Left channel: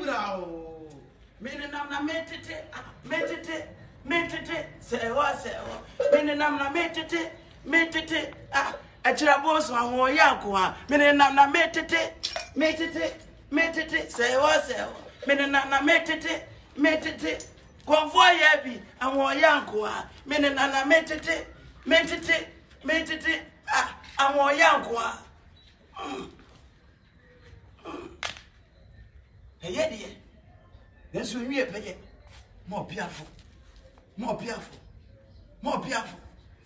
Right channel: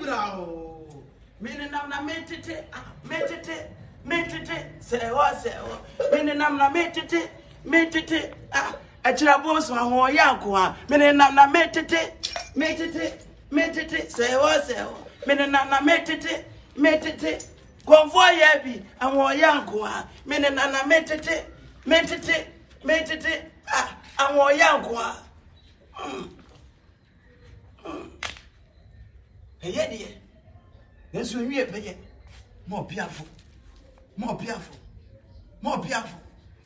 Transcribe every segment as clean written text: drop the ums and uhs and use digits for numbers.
Majigurao. Minenam na metete. Say what? Minenam na metete. A trabos ma ho yanko. Minenam na metete. Say what? Minenam na metete. Convoy yabi and wo yanko. Minenam na metete. And wo yanko. Hey, dear. Then so we pay more piaful.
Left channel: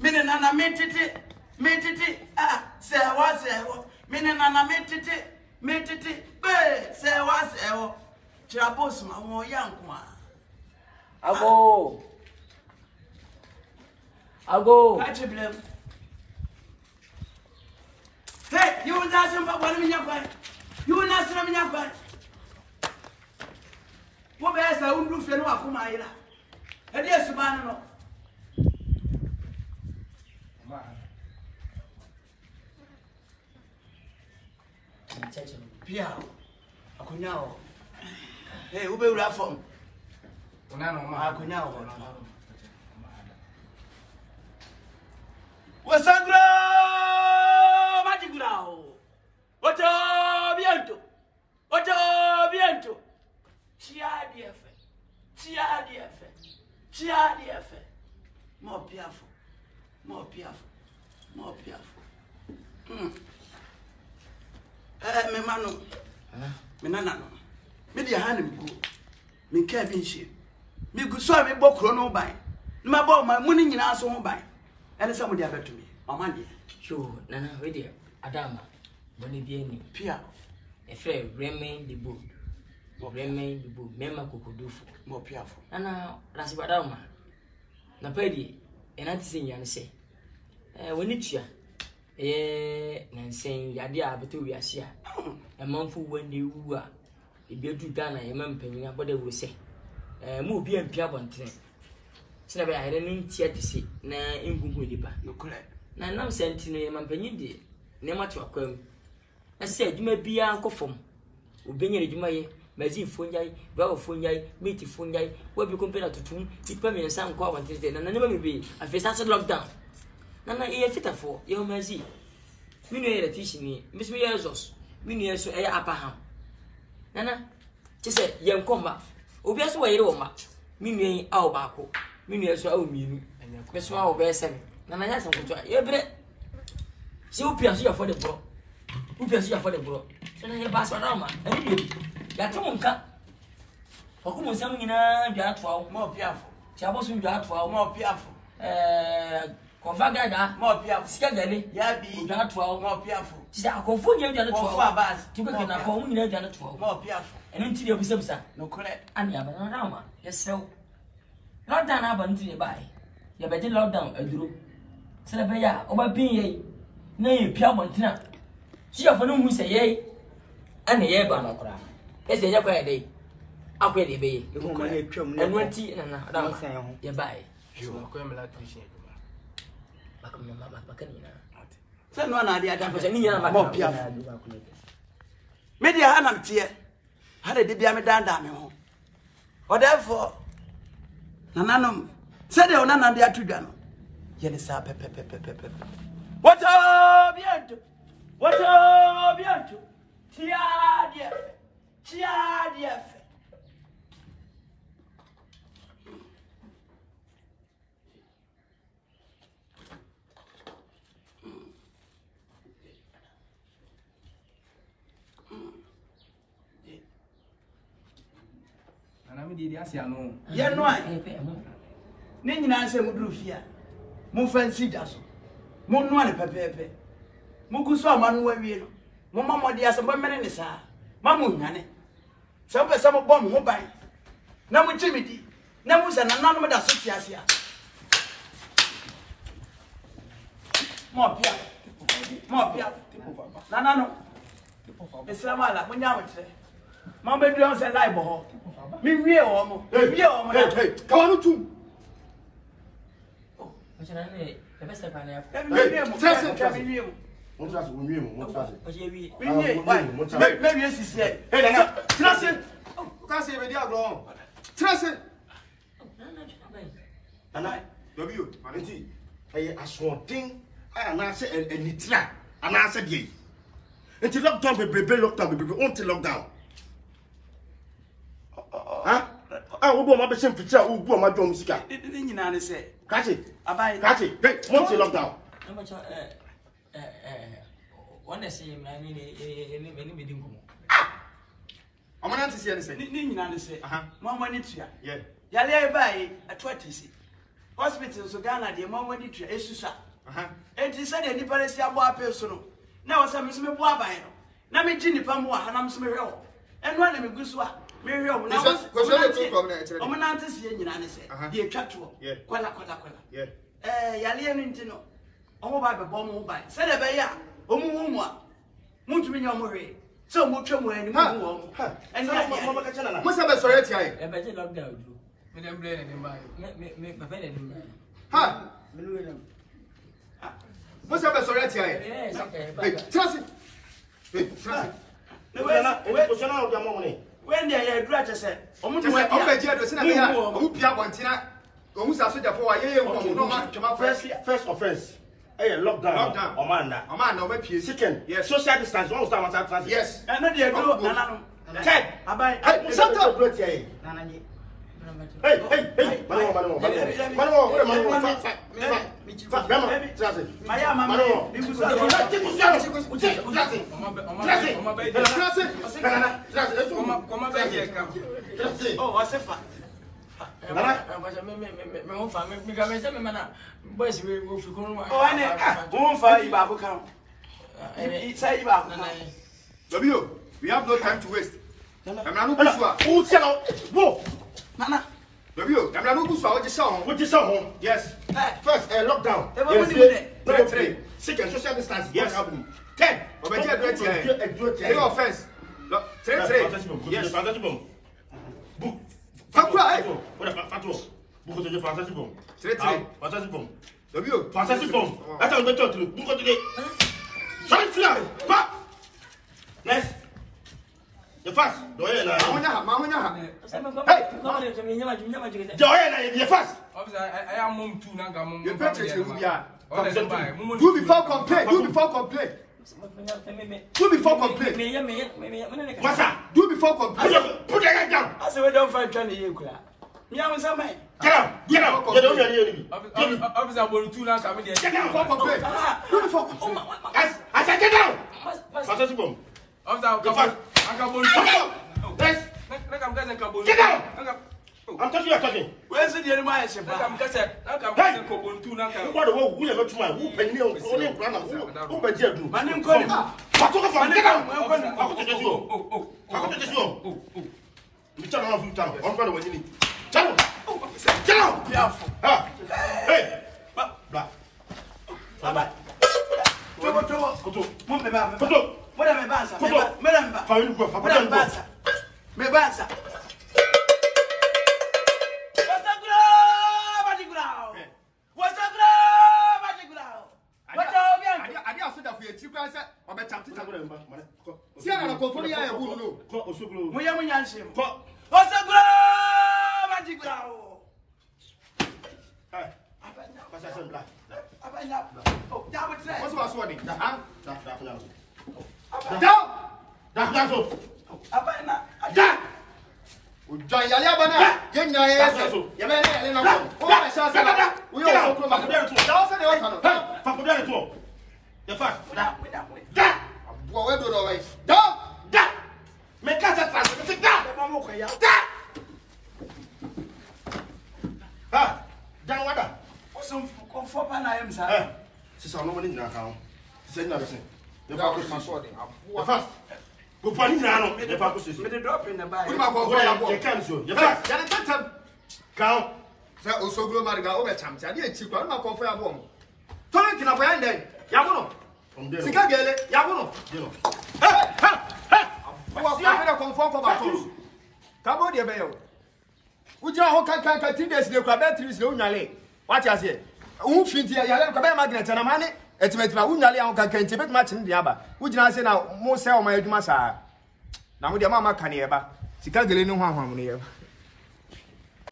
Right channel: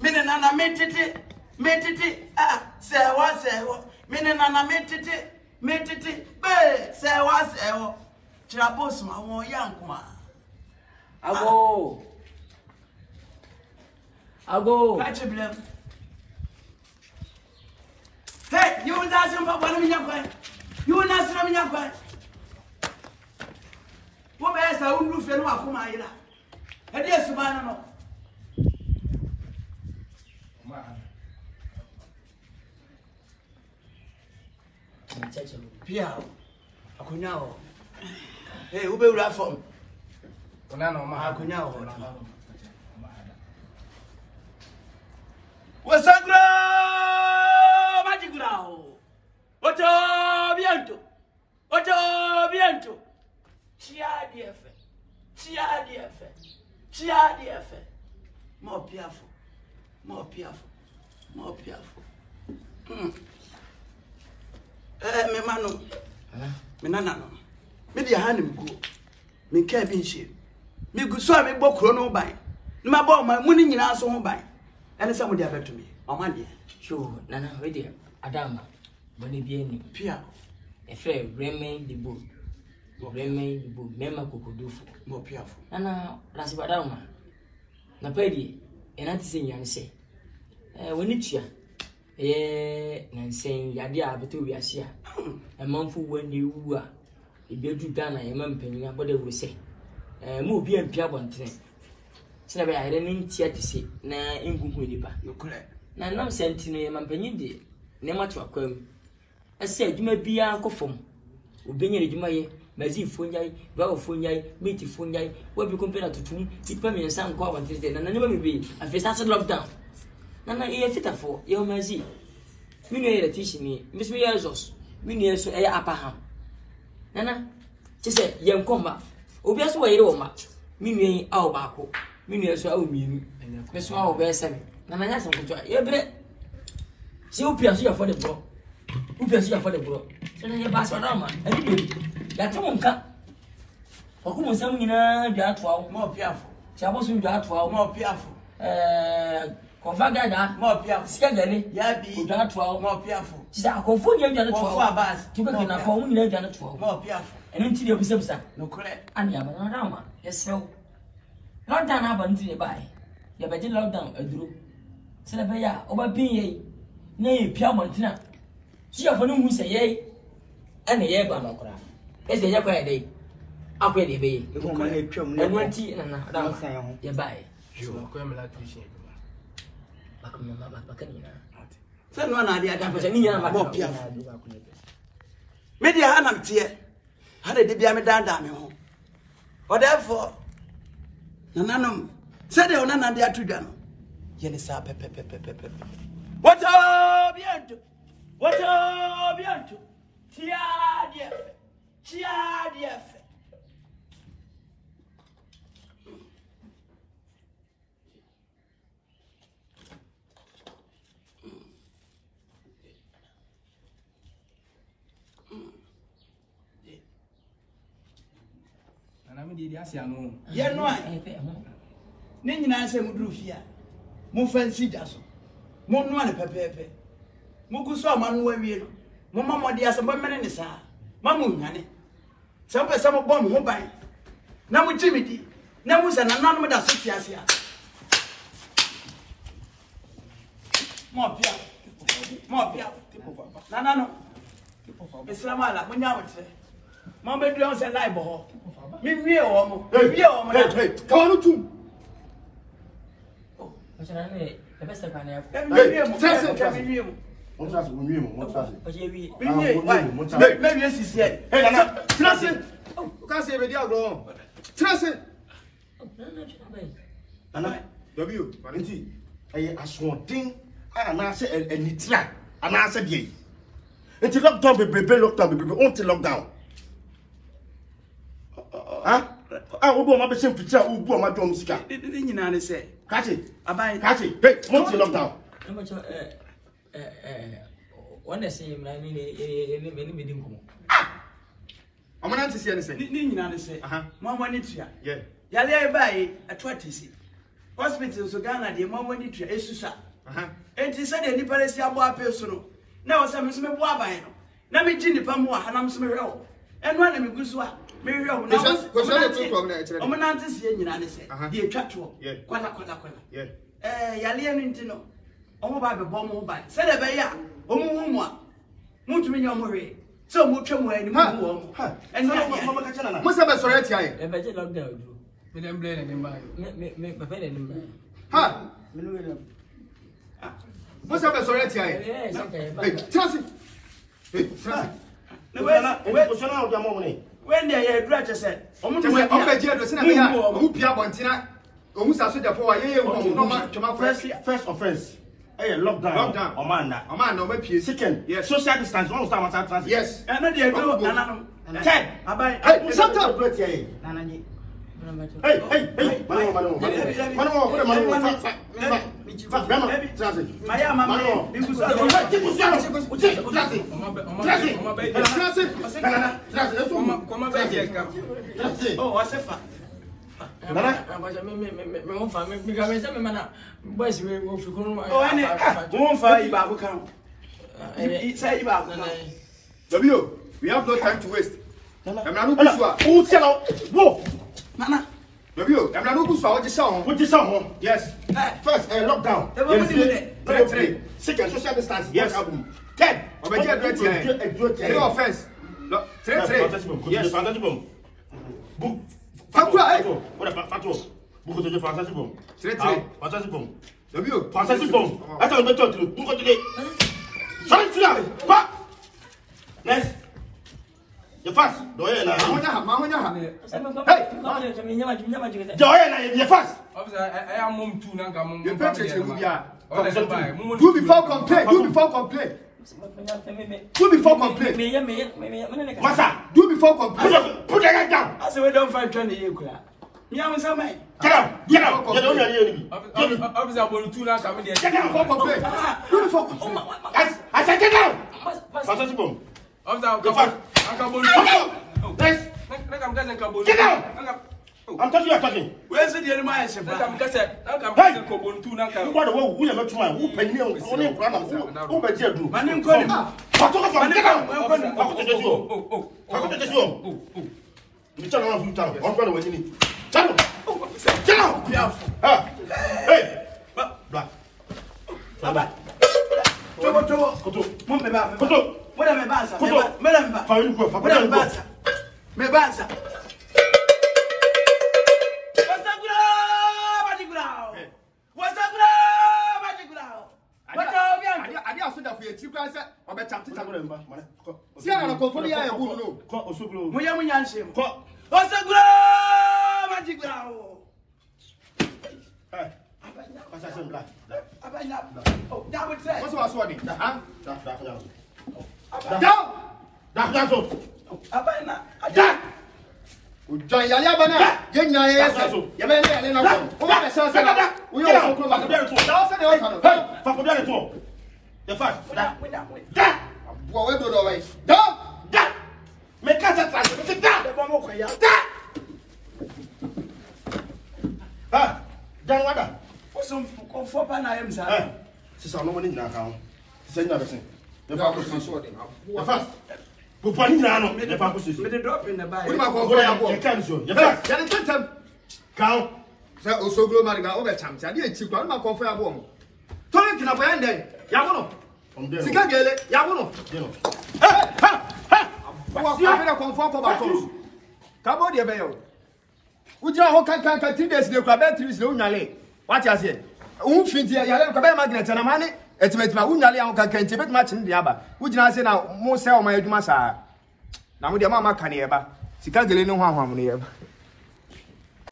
Minenana metete. Say what? Minenana metete. Say what? Trabos ma wo yanko. Ago. Catch a blame. Hey, you want to ask him about one of your You want to ask him about your What else I won't lose the one for my era? And yes, you man, no. Pia, Acuñao. Hey, who will laugh from? Acuñao. What's up, Magic Grau? Otto Biento. Chia DF. More piaful. Me mano. Me nanano. Me dia hanim go. Me ka bi nhyem. Me gu so me bokro no ban. Na ma ma muni nyina so ho ban. Ene se mo dia betumi. Oman dia. So, nana we dia Adama. Boni bi ani. Pia. E fe remain the board. Mema kokodufo. Mo piaful. Nana rasibadama. Na pedi enati se nyane se. Woni tua. Nansen yade a beto wiase a. Emanfo wani wu a. Ebedu Ghana emempanyina bode wo se. Mo obi ampia bontene. Sina be ayre ne ntia tise na engungu nipa. No correct. Na nam sentino emampanyin de ne matu akwam. Ese adwuma bia nkofom. Obenye adwuma ye mazi fonyai, bawo fonyai, meti fonyai, wabi kompena tutum, ipa me nsa nko awantete na nyama mebe afesta se lockdown. Na e fita fo, ye mazi. Minu ye retishi ni, mbisi ye Jesus. Minu ye so e apaham. Nana, chese ye nkomba. Obi aso wayire wo ma. Minu ye awo baako. Minu ye so awo mienu. Meso awo be sem. Na manya so nkoto. Ye bre. Si opi aso ya for the bro. So na ye ba so na ma. Abi ya tumunka okumu nsam nyina dwa atwa Mo piaful. chabosu dwa atwa Mo piaful. Kovaga da Mo piaful. skagale Yabi. dwa atwa Mo piaful. sisa akofonya dwa atwa Mo fa bas. tubeke na ko nyina dwa atwa Mo piaful. eno ntiri obisabisa No correct. ani abana na ma yesew lockdown aba ntiri bai ya be lockdown aduro sele be ya oba bin ye na ye pia montina si afo no hu se ye ana ye ba no kora ese ya kwa dey akwa dey be Me ko ma na twam na. enwanti na da ye bai So ko me la tuition. bakanina Se no na dia da. kwa ni nyana Mo piaful. Media hanam tie. Hade de bia me danda me ho. O therefore nananom se de onana bia tudwa no. Ye ne sa pepe. What up biento? Tia DF. Ana me di asia no. Ye no ai. Ne nyina se muduru fia. Mo fancy jaso. Mo no ane pepepe. Mo guso amanu awie no. Mo mamode ase mo mene ne saa. Mamu nyane. So pe mo bom ho ban. Na mo chimidi. Na mo se na nanu da so tiasia. Mo pia. Na no. Islam ala mo nya mo tre. Mo be du on se live ho. Mi wie o mo. Wie o mo. Hey, ka no tum. Achana ne ebe se pa na ya Mi wie mo. What's that? What's that? Maybe yes, is here. Hey, Nana, trust it. Can't say video go. Trust it. Nana, W, Valenti. Hey, I saw thing. And I said, and it's like, and I said, ye. Until lockdown, baby, lockdown, baby, until lockdown. Huh? I will go my same picture, who go my drum scar. Didn't you know, say, Catch it. I Catch it. Hey, until lockdown. How much one say many meeting. I'm not to see anything. Didn't you know, say, Mamma Nitria. Yeah. Yale by a 20 hospital, so Ghana, the Mamma Nitria, Esusa. And he said, any Palestine person. Now, some is me Wabino. Now, me Jinny Pamwa, and I'm some real. And one of me Guswa. Miriam, Omanantis, and say, the attractual, Quala. Yeah. Yalian Intino. Oh, by the bomb mobile. Said a baya, Omumwa. Mutumin Murray. So much more and what's the best right here? A better lockdown. Me dem blame him by. Me pay him. Ha! What's the best right here? Yes, okay. Hey, trust it. Hey, trust it. When they are graduates, said, I'm going to first offense. Hey, lockdown. Oman, no make second. Yes, social distance. One time. Yes. And then they go, Nana. Ted, hey, sometimes great here. Hey, Manu. We have no time to waste. Nana. Yes. First, lockdown. Yes. Second, social distance. Yes. 10. No offense. Yes. Next. The fast. Do you know? Hey, the fast. I am mum too. Do before complain. Masa, do before complain. Put your hand down. I said, we don't find 20 years. Yeah, I'm sorry. Get out. Officer Bolutu now come there. Get out before complain. Do before complain. I said get out. Officer, get out. I'm talking. Where's the other man? etimetima wunyale ya nka kente betima chi ndi aba wujina se na mo se o ma adwuma saa na mo de ma ka ne eba sika gele ne ho ahwam ne yeba